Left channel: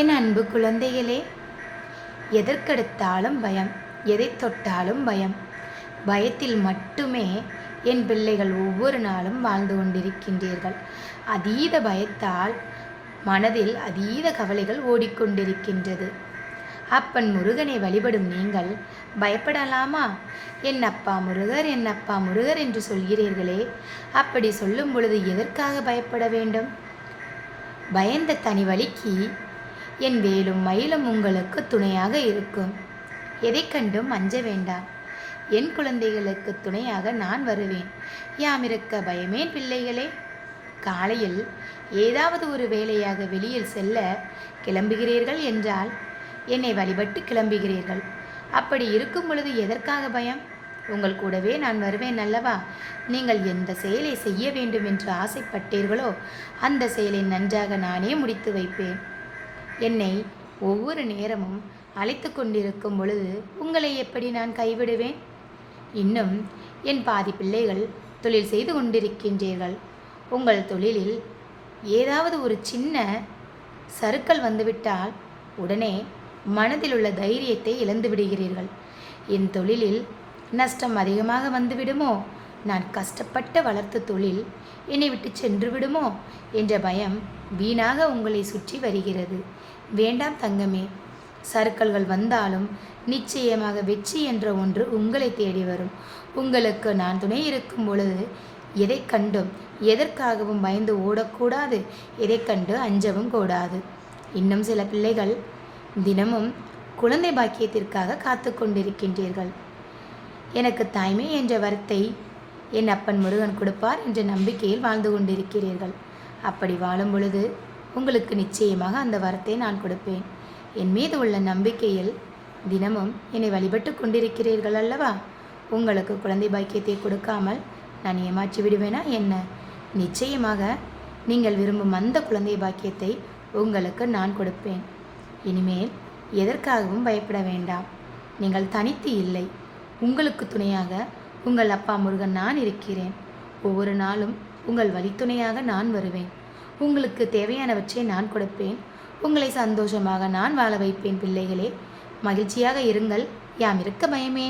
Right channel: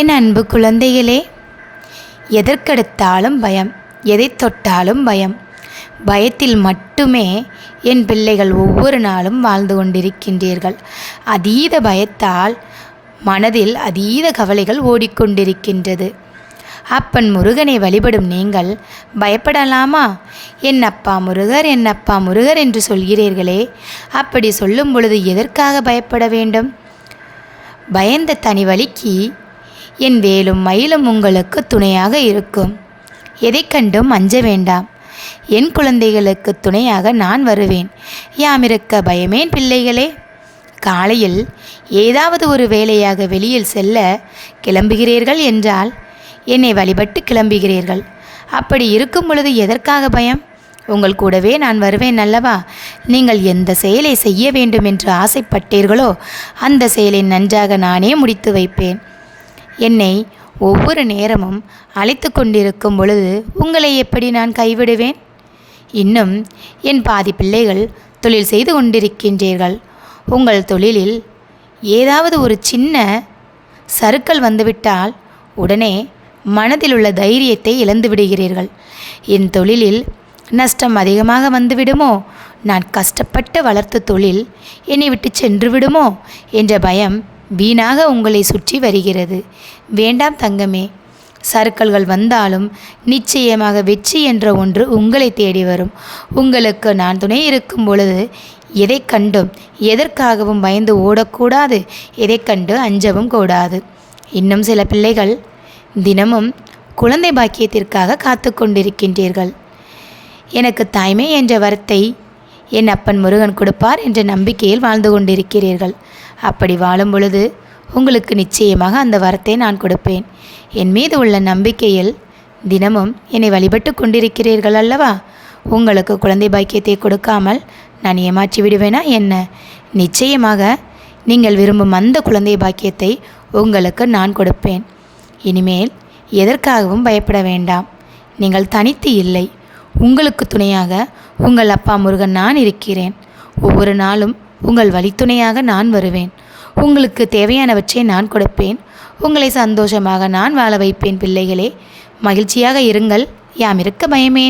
என் அன்பு குழந்தைகளே எதற்கெடுத்தாலும் பயம் எதை தொட்டாலும் பயம். பயத்தில் மட்டுமே என் பிள்ளைகள் ஒவ்வொரு நாளும் வாழ்ந்து கொண்டிருக்கின்றீர்கள். அதீத பயத்தால் மனதில் அதீத கவலைகள் ஓடிக்கொண்டிருக்கின்றது. அப்பன் முருகனை வழிபடும் நீங்கள் பயப்படலாமா? என் அப்பா முருகர் என் அப்பா முருகர் என்று சொல்கிறீர்களே அப்படி சொல்லும் பொழுது எதற்காக பயப்பட வேண்டும்? பயந்த தனி வழிக்கு என் வேலும் மயிலும் உங்களுக்கு துணையாக இருக்கும். எதை கண்டும் அஞ்ச வேண்டாம். என் குழந்தைகளுக்கு துணையாக நான் வருவேன். யாமிருக்க பயமேன் பிள்ளைகளே. காலையில் ஏதாவது ஒரு வேலையாக வெளியில் செல்ல கிளம்புகிறீர்கள் என்றால் என்னை வழிபட்டு கிளம்புகிறீர்கள். அப்படி இருக்கும் பொழுது எதற்காக பயம்? உங்கள் கூடவே நான் வருவேன் அல்லவா? நீங்கள் எந்த செயலை செய்ய வேண்டும் என்று ஆசைப்பட்டீர்களோ அந்த செயலை நன்றாக நானே முடித்து வைப்பேன். என்னை ஒவ்வொரு நேரமும் அழைத்து கொண்டிருக்கும் பொழுது உங்களை எப்படி நான் கைவிடுவேன்? இன்னும் என் பாதி பிள்ளைகள் தொழில் செய்து கொண்டிருக்கின்றீர்கள். உங்கள் தொழிலில் ஏதாவது ஒரு சின்ன சறுக்கல் வந்துவிட்டால் உடனே மனதில் உள்ள தைரியத்தை இழந்து விடுகிறீர்கள். என் தொழிலில் நஷ்டம் அதிகமாக வந்துவிடுமோ? நான் கஷ்டப்பட்டு வளர்த்த தொழில் என்னை விட்டு சென்று விடுமோ? என்ற பயம் வீணாக உங்களை சுற்றி வருகிறது. வேண்டாம் தங்கமே சறுக்கல்கள் வந்தாலும் நிச்சயமாக வெற்றி என்ற ஒன்று உங்களை தேடி வரும். உங்களுக்கு நான் துணை இருக்கும் பொழுது எதை கண்டும் எதற்காகவும் பயந்து ஓடக்கூடாது எதை கண்டு அஞ்சவும் கூடாது. இன்னும் சில பிள்ளைகள் தினமும் குழந்தை பாக்கியத்திற்காக காத்து கொண்டிருக்கின்றீர்கள். எனக்கு தாய்மை என்ற வரத்தை என் அப்பன் முருகன் கொடுப்பார் என்ற நம்பிக்கையில் வாழ்ந்து கொண்டிருக்கிறீர்கள். அப்படி வாழும் பொழுது உங்களுக்கு நிச்சயமாக அந்த வரத்தை நான் கொடுப்பேன். என் மீது உள்ள நம்பிக்கையில் தினமும் என்னை வழிபட்டு கொண்டிருக்கிறீர்கள் அல்லவா? உங்களுக்கு குழந்தை பாக்கியத்தை கொடுக்காமல் நான் ஏமாற்றி விடுவேனா என்ன? நிச்சயமாக நீங்கள் விரும்பும் அந்த குழந்தை பாக்கியத்தை உங்களுக்கு நான் கொடுப்பேன். இனிமேல் எதற்காகவும் பயப்பட வேண்டாம். நீங்கள் தனித்து இல்லை. உங்களுக்கு துணையாக உங்கள் அப்பா முருகன் நான் இருக்கிறேன். ஒவ்வொரு நாளும் உங்கள் வழித்துணையாக நான் வருவேன். உங்களுக்கு தேவையானவற்றை நான் கொடுப்பேன். உங்களை சந்தோஷமாக நான் வாழ வைப்பேன் பிள்ளைகளே. மகிழ்ச்சியாக இருங்கள். யாம் இருக்க பயமே.